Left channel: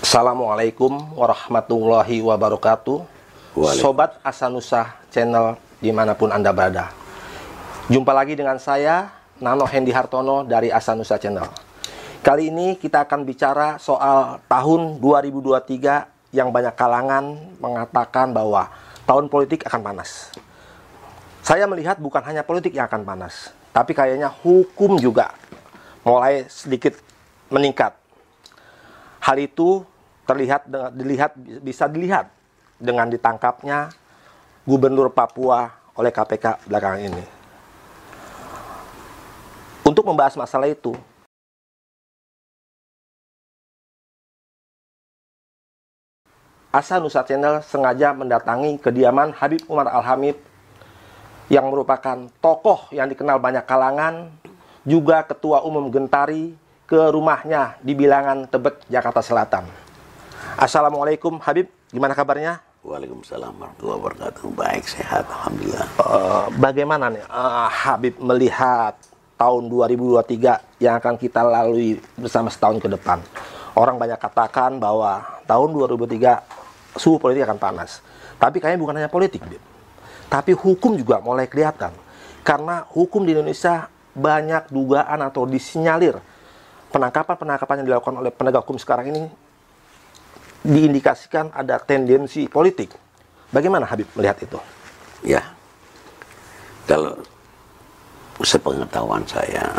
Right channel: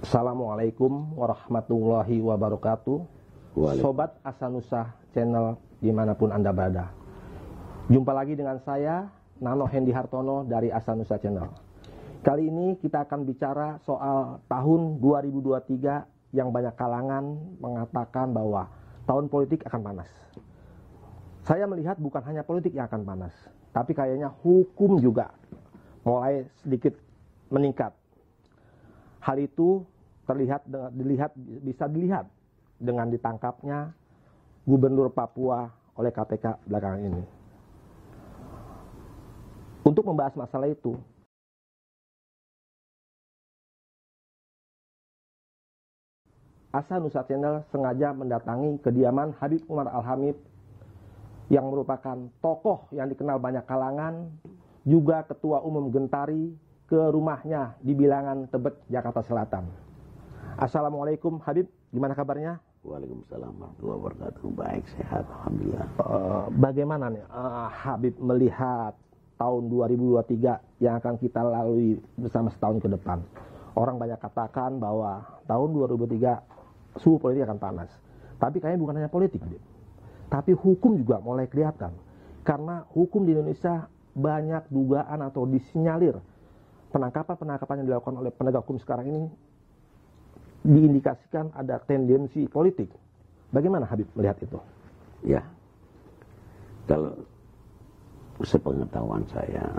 Assalamualaikum warahmatullahi wabarakatuh. Sobat Asanusa Channel dimanapun Anda berada. Jumpa lagi dengan saya, Nano Hendy Hartono dari Asanusa Channel. Kali ini kita akan bicara soal tahun 2023 yang banyak kalangan mengatakan bahwa tahun politik akan panas. Saya melihat bukan hanya politik yang akan panas, tapi kayaknya hukum juga mulai sedikit meningkat. Hal itu bisa dilihat dengan ditangkapnya Gubernur Papua oleh KPK belakangan ini. Untuk membahas masalah itu, Asanusa Channel sengaja mendatangi kediaman Habib Umar Al-Hamid yang merupakan tokoh yang dikenal banyak kalangan, juga Ketua Umum Gentari, ke rumahnya di Bilangan, Tebet, Jakarta Selatan. Assalamualaikum Habib, gimana kabarnya? Waalaikumsalam warahmatullahi wabarakatuh. Baik, sehat, alhamdulillah. Bagaimana nih Habib melihat tahun 2023 yang akan kita lalui bersama setahun ke depan? Orang banyak katakan bahwa tahun 2023 suhu politik akan panas. Tapi kayaknya bukan hanya politik, Habib, tapi hukum juga mulai kelihatan. Karena hukum di Indonesia banyak dugaan atau disinyalir penangkapan yang dilakukan oleh penegak hukum sekarang ini diindikasikan ada tendensi politik. Bagaimana Habib melihat itu? Ya, kalau sepengetahuan saya,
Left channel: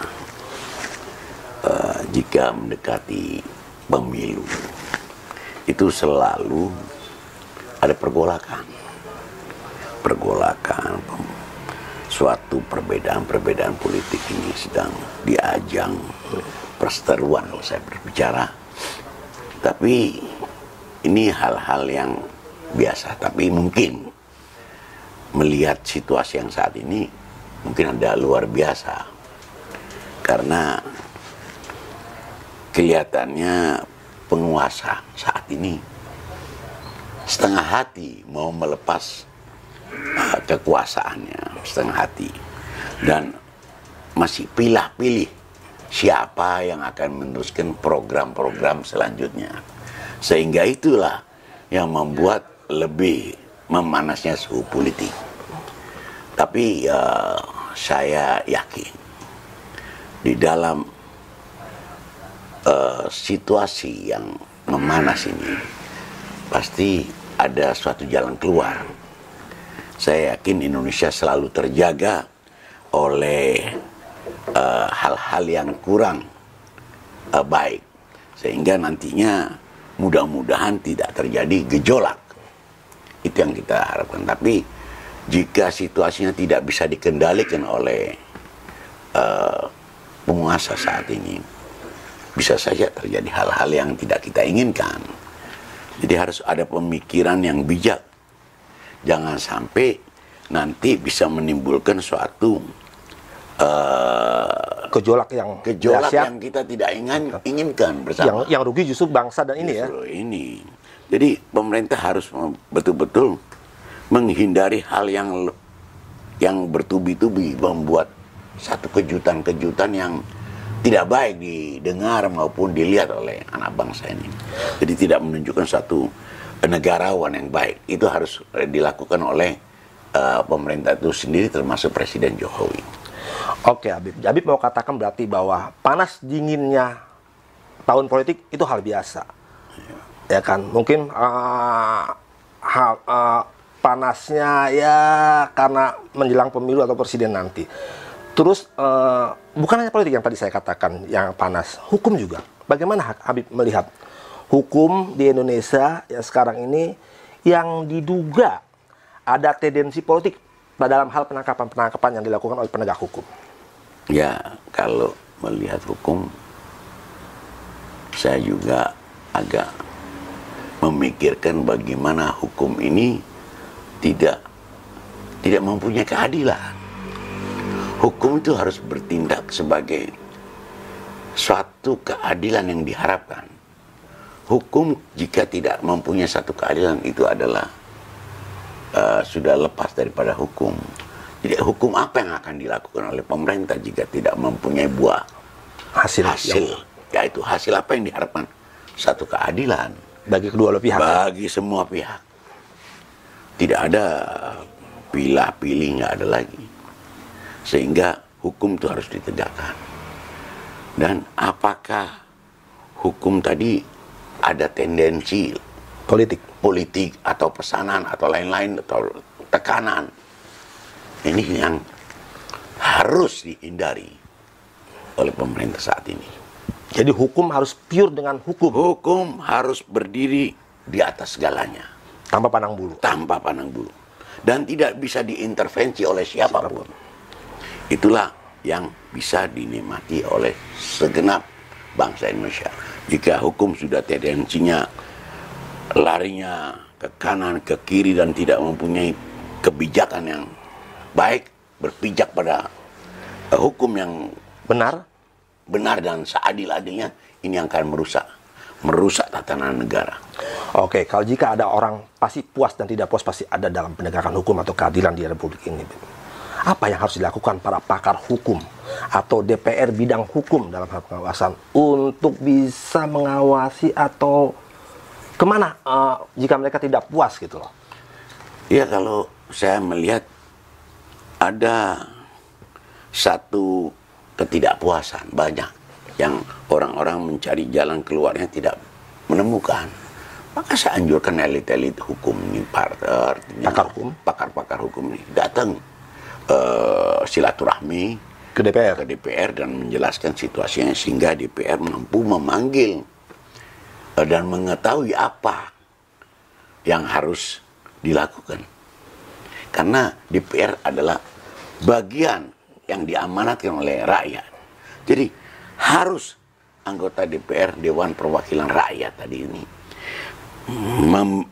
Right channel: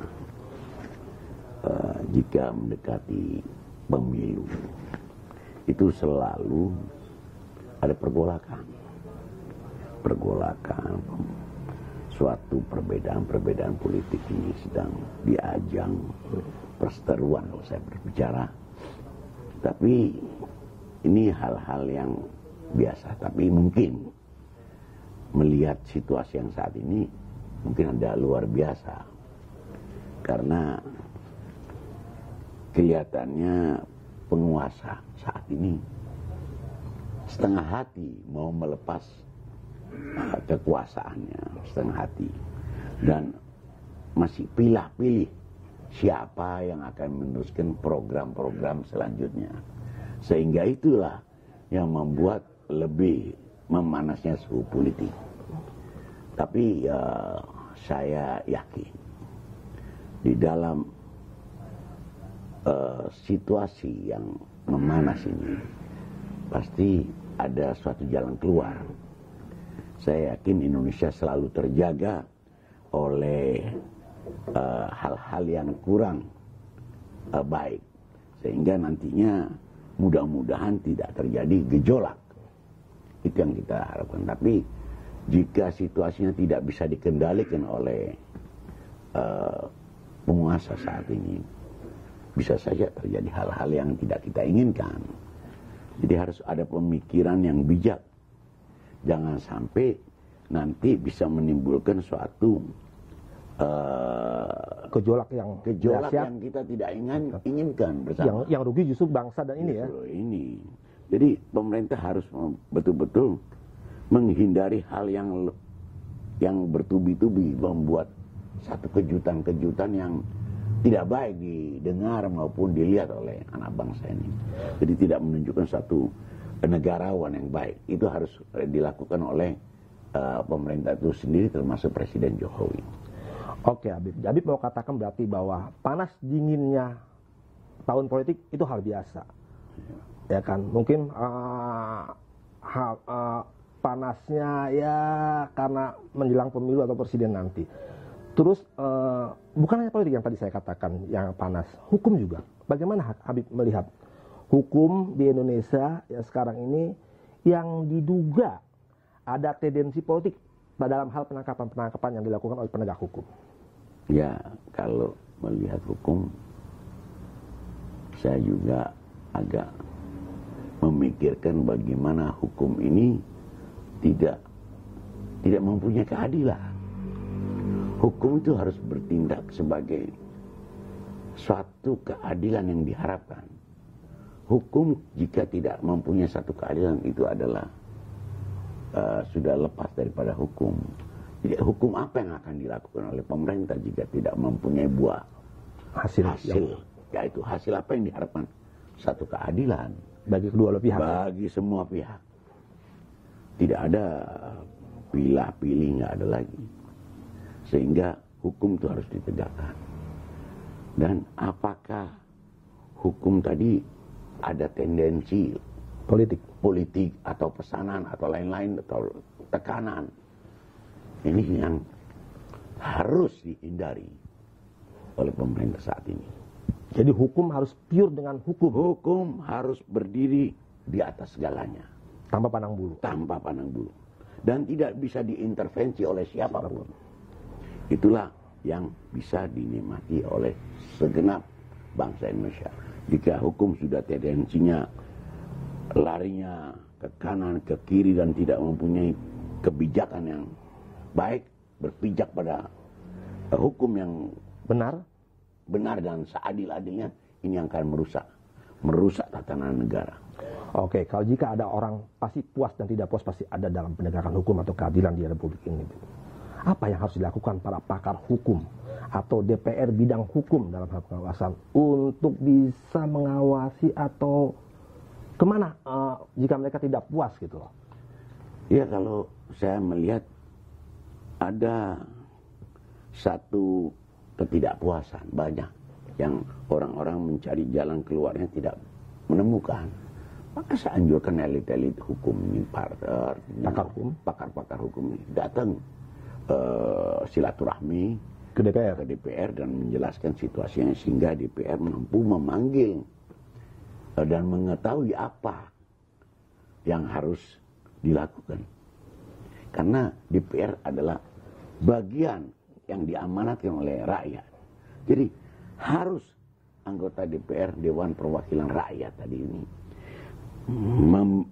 jika mendekati pemilu, itu selalu ada pergolakan, suatu perbedaan politik ini sedang diajang perseteruan kalau saya berbicara. Tapi ini hal-hal yang biasa, tapi mungkin melihat situasi yang saat ini mungkin ada luar biasa, karena kelihatannya penguasa saat ini setengah hati mau melepas kekuasaannya, setengah hati, dan masih pilih-pilih siapa yang akan meneruskan program-program selanjutnya. Sehingga itulah yang membuat lebih memanasnya suhu politik. Tapi saya yakin di dalam situasi yang memanas ini pasti ada suatu jalan keluar. Saya yakin Indonesia selalu terjaga oleh hal-hal yang kurang baik, sehingga nantinya mudah-mudahan tidak terjadi gejolak. Itu yang kita harapkan. Tapi jika situasinya tidak bisa dikendalikan oleh penguasa saat ini, bisa saja terjadi hal-hal yang tidak kita inginkan. Jadi harus ada pemikiran yang bijak. Jangan sampai nanti bisa menimbulkan suatu gejolak yang kita tidak inginkan bersama. Yang rugi justru bangsa dan ini justru ya. Ini. Jadi pemerintah harus betul-betul menghindari hal yang bertubi-tubi, membuat satu kejutan-kejutan yang tidak baik didengar maupun dilihat oleh anak bangsa ini. Jadi tidak menunjukkan suatu negarawan yang baik. Itu harus dilakukan oleh pemerintah itu sendiri, termasuk Presiden Jokowi. Oke Habib, Habib mau katakan berarti bahwa panas dinginnya tahun politik itu hal biasa, ya kan? Mungkin panasnya ya karena menjelang pemilu atau presiden nanti. Terus bukan hanya politik yang tadi saya katakan yang panas, hukum juga. Bagaimana Habib melihat hukum di Indonesia yang sekarang ini yang diduga ada tendensi politik dalam hal penangkapan yang dilakukan oleh penegak hukum? Ya, kalau melihat hukum, saya juga agak memikirkan bagaimana hukum ini tidak mempunyai keadilan. Hukum itu harus bertindak sebagai suatu keadilan yang diharapkan. Hukum jika tidak mempunyai satu keadilan itu adalah sudah lepas daripada hukum. Jadi hukum apa yang akan dilakukan oleh pemerintah jika tidak mempunyai buah hasil, yaitu hasil apa yang diharapkan? Satu keadilan. Bagi kedua belah pihak. Bagi semua pihak. Tidak ada pilih-pilih, nggak ada lagi. Sehingga hukum itu harus ditegakkan. Dan apakah hukum tadi ada tendensi politik atau pesanan atau lain-lain atau tekanan, ini yang harus dihindari oleh pemerintah saat ini. Jadi hukum harus pure dengan hukum. Hukum harus berdiri di atas segalanya. Tanpa pandang bulu. Tanpa pandang bulu. Dan tidak bisa diintervensi oleh siapapun. Itulah yang bisa dinikmati oleh segenap bangsa Indonesia. Jika hukum sudah tendensinya larinya ke kanan, ke kiri, dan tidak mempunyai kebijakan yang baik, berpijak pada hukum yang benar dan seadil-adilnya, ini yang akan merusak tatanan negara. Oke, kalau jika ada orang pasti puas dan tidak puas pasti ada dalam penegakan hukum atau keadilan di Republik ini. Apa yang harus dilakukan para pakar hukum atau DPR bidang hukum dalam hal pengawasan untuk bisa mengawasi atau kemana jika mereka tidak puas gitu loh? Ya, kalau saya melihat ada satu ketidakpuasan banyak yang orang-orang mencari jalan keluarnya tidak menemukan. Maka saya anjurkan elit-elit hukum ini, pakar-pakar hukum ini datang silaturahmi ke DPR dan menjelaskan situasinya sehingga DPR mampu memanggil dan mengetahui apa yang harus dilakukan. Karena DPR adalah bagian yang diamanatkan oleh rakyat. Jadi harus anggota DPR, Dewan Perwakilan Rakyat tadi ini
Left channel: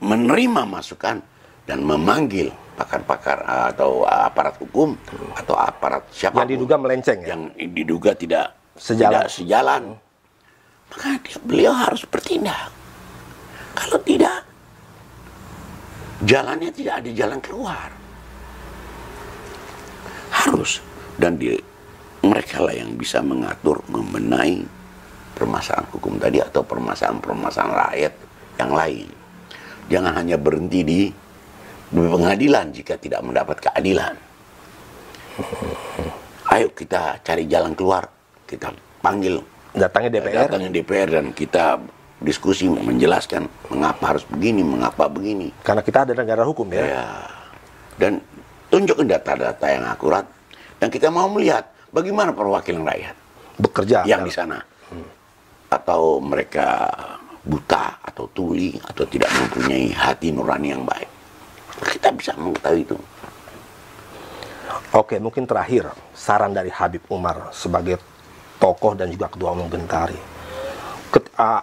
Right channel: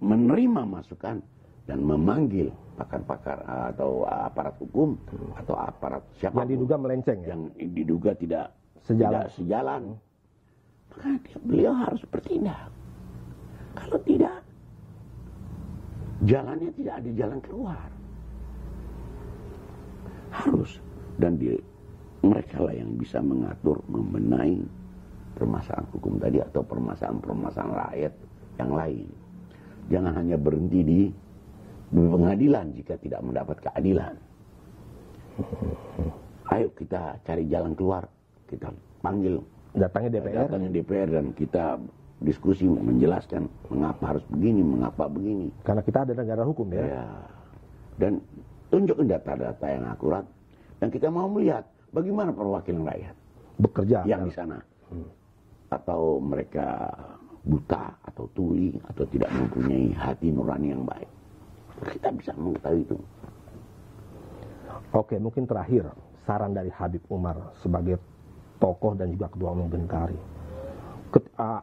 menerima masukan dan memanggil pakar-pakar atau aparat hukum atau aparat siapa yang diduga melenceng, yang diduga tidak sejalan. Maka beliau harus bertindak. Kalau tidak, jalannya tidak ada jalan keluar. Harus. Dan mereka lah yang bisa mengatur, membenahi permasalahan hukum tadi atau permasalahan rakyat yang lain. Jangan hanya berhenti di pengadilan jika tidak mendapat keadilan. Ayo kita cari jalan keluar. Kita panggil datangi DPR dan kita diskusi menjelaskan mengapa harus begini, mengapa begini. Karena kita ada negara hukum ya. Dan tunjukkan data-data yang akurat dan kita mau melihat bagaimana perwakilan rakyat bekerja yang di sana. Atau mereka buta atau tuli atau tidak mempunyai hati nurani yang baik. Kita bisa mengetahui itu. Oke, mungkin terakhir saran dari Habib Umar sebagai tokoh dan juga ketua umum Gentari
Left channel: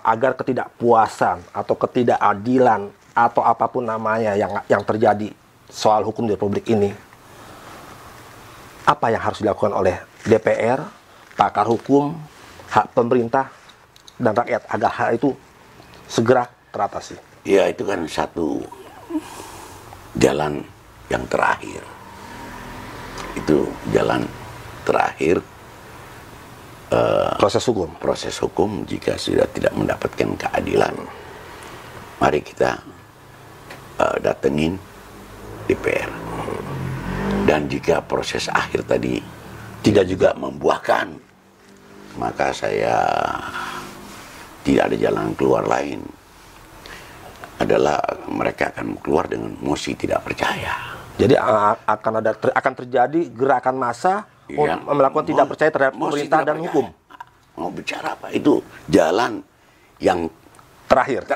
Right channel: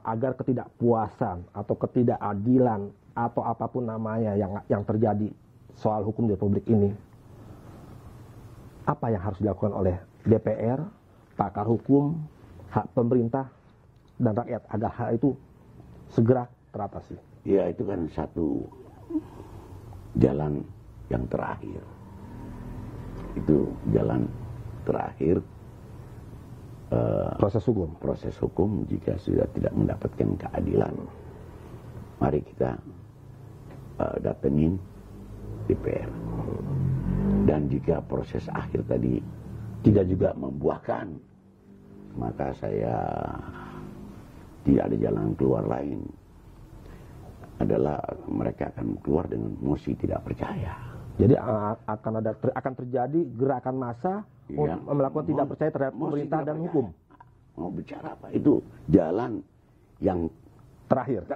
agar ketidakpuasan atau ketidakadilan atau apapun namanya yang terjadi soal hukum di Republik ini, apa yang harus dilakukan oleh DPR, pakar hukum, hak pemerintah dan rakyat agar hal itu segera teratasi? Ya, itu kan satu jalan yang terakhir. Itu jalan terakhir proses hukum jika sudah tidak mendapatkan keadilan. Mari kita datengin DPR. Dan jika proses akhir tadi tidak juga membuahkan, maka saya tidak ada jalan keluar lain. Adalah mereka akan keluar dengan mosi tidak percaya. Jadi akan terjadi gerakan massa melakukan tidak percaya terhadap pemerintah dan hukum. Mau bicara apa? Itu jalan yang terakhir.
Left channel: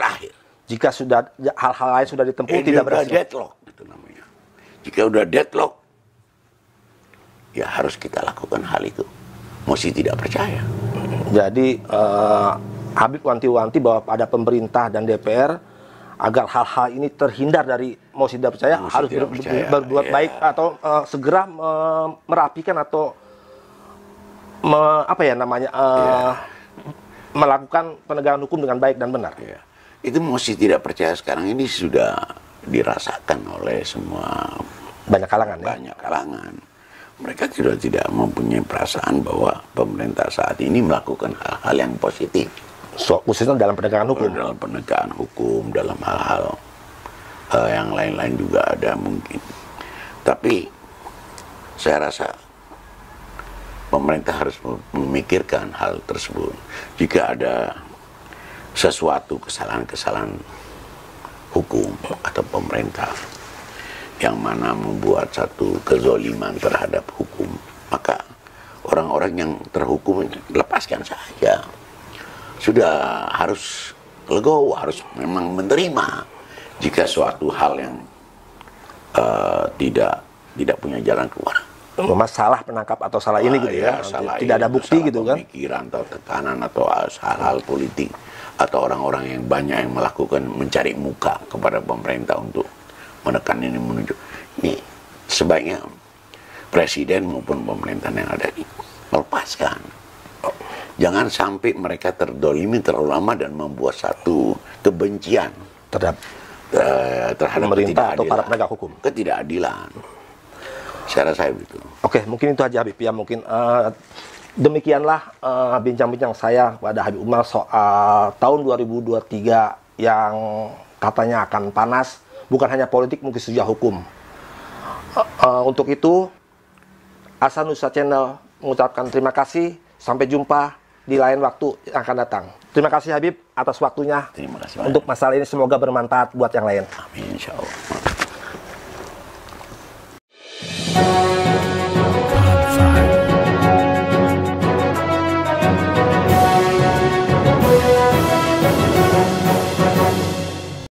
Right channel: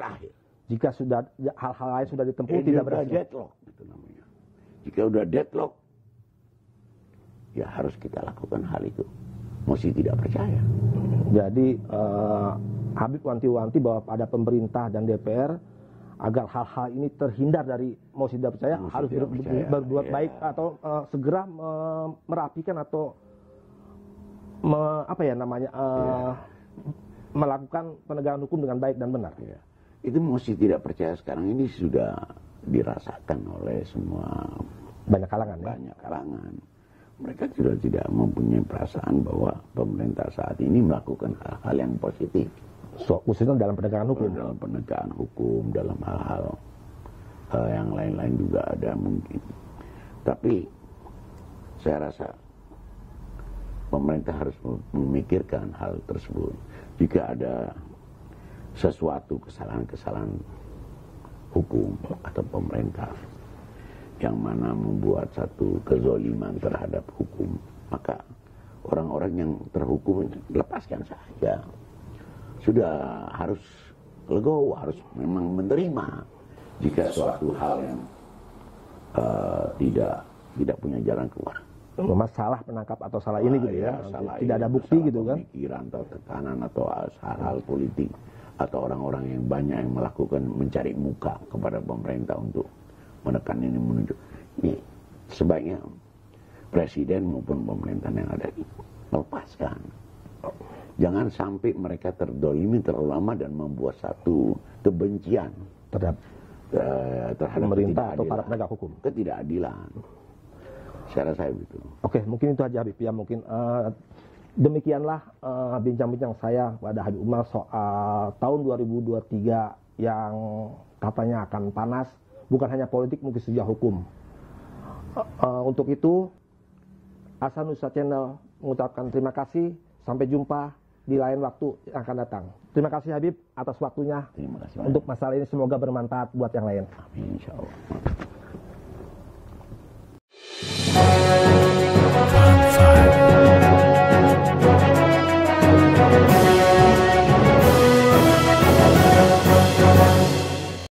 Jika sudah hal-hal lain sudah ditempuh tidak berhasil. Deadlock itu namanya. Jika udah deadlock, ya harus kita lakukan hal itu. Mosi tidak percaya. Jadi Habib wanti-wanti bahwa pada pemerintah dan DPR agar hal-hal ini terhindar dari mosi tidak percaya harus berbuat baik atau segera merapikan atau melakukan penegakan hukum dengan baik dan benar. Itu mosi tidak percaya sekarang ini sudah dirasakan oleh semua banyak kalangan. Banyak kalangan. Mereka sudah tidak mempunyai perasaan bahwa pemerintah saat ini melakukan hal-hal yang positif. khususnya dalam penegakan hukum. Dalam penegakan hukum, dalam hal-hal yang lain-lain juga ada mungkin. Tapi saya rasa pemerintah harus memikirkan hal tersebut. Jika ada sesuatu kesalahan-kesalahan hukum atau pemerintah yang mana membuat satu kezoliman terhadap hukum, maka orang-orang yang terhukum lepaskan saja. Sudah harus legowo, harus memang menerima jika suatu hal yang tidak punya jalan keluar. Mas salah penangkap atau salah ini gitu ya, tidak ada bukti gitu kan? Pemikiran atau tekanan atau hal-hal politik atau orang-orang yang banyak yang melakukan mencari muka kepada pemerintah untuk menekan ini menuju ini, sebaiknya presiden maupun pemerintahan yang ada ini melepaskan. Jangan sampai mereka terdolimi terlalu lama dan membuat satu kebencian terhadap pemerintah atau para penegak hukum. Ketidakadilan. Saya rasa begitu. Oke, mungkin itu aja Habib ya. Mungkin demikianlah bincang-bincang saya pada Habib Umar soal tahun 2023 yang katanya akan panas. Bukan hanya politik, mungkin juga hukum. Untuk itu, Asanusa Channel mengucapkan terima kasih. Sampai jumpa di lain waktu yang akan datang. Terima kasih Habib atas waktunya. Terima kasih untuk masalah ini, semoga bermanfaat buat yang lain. Amin, insya Allah.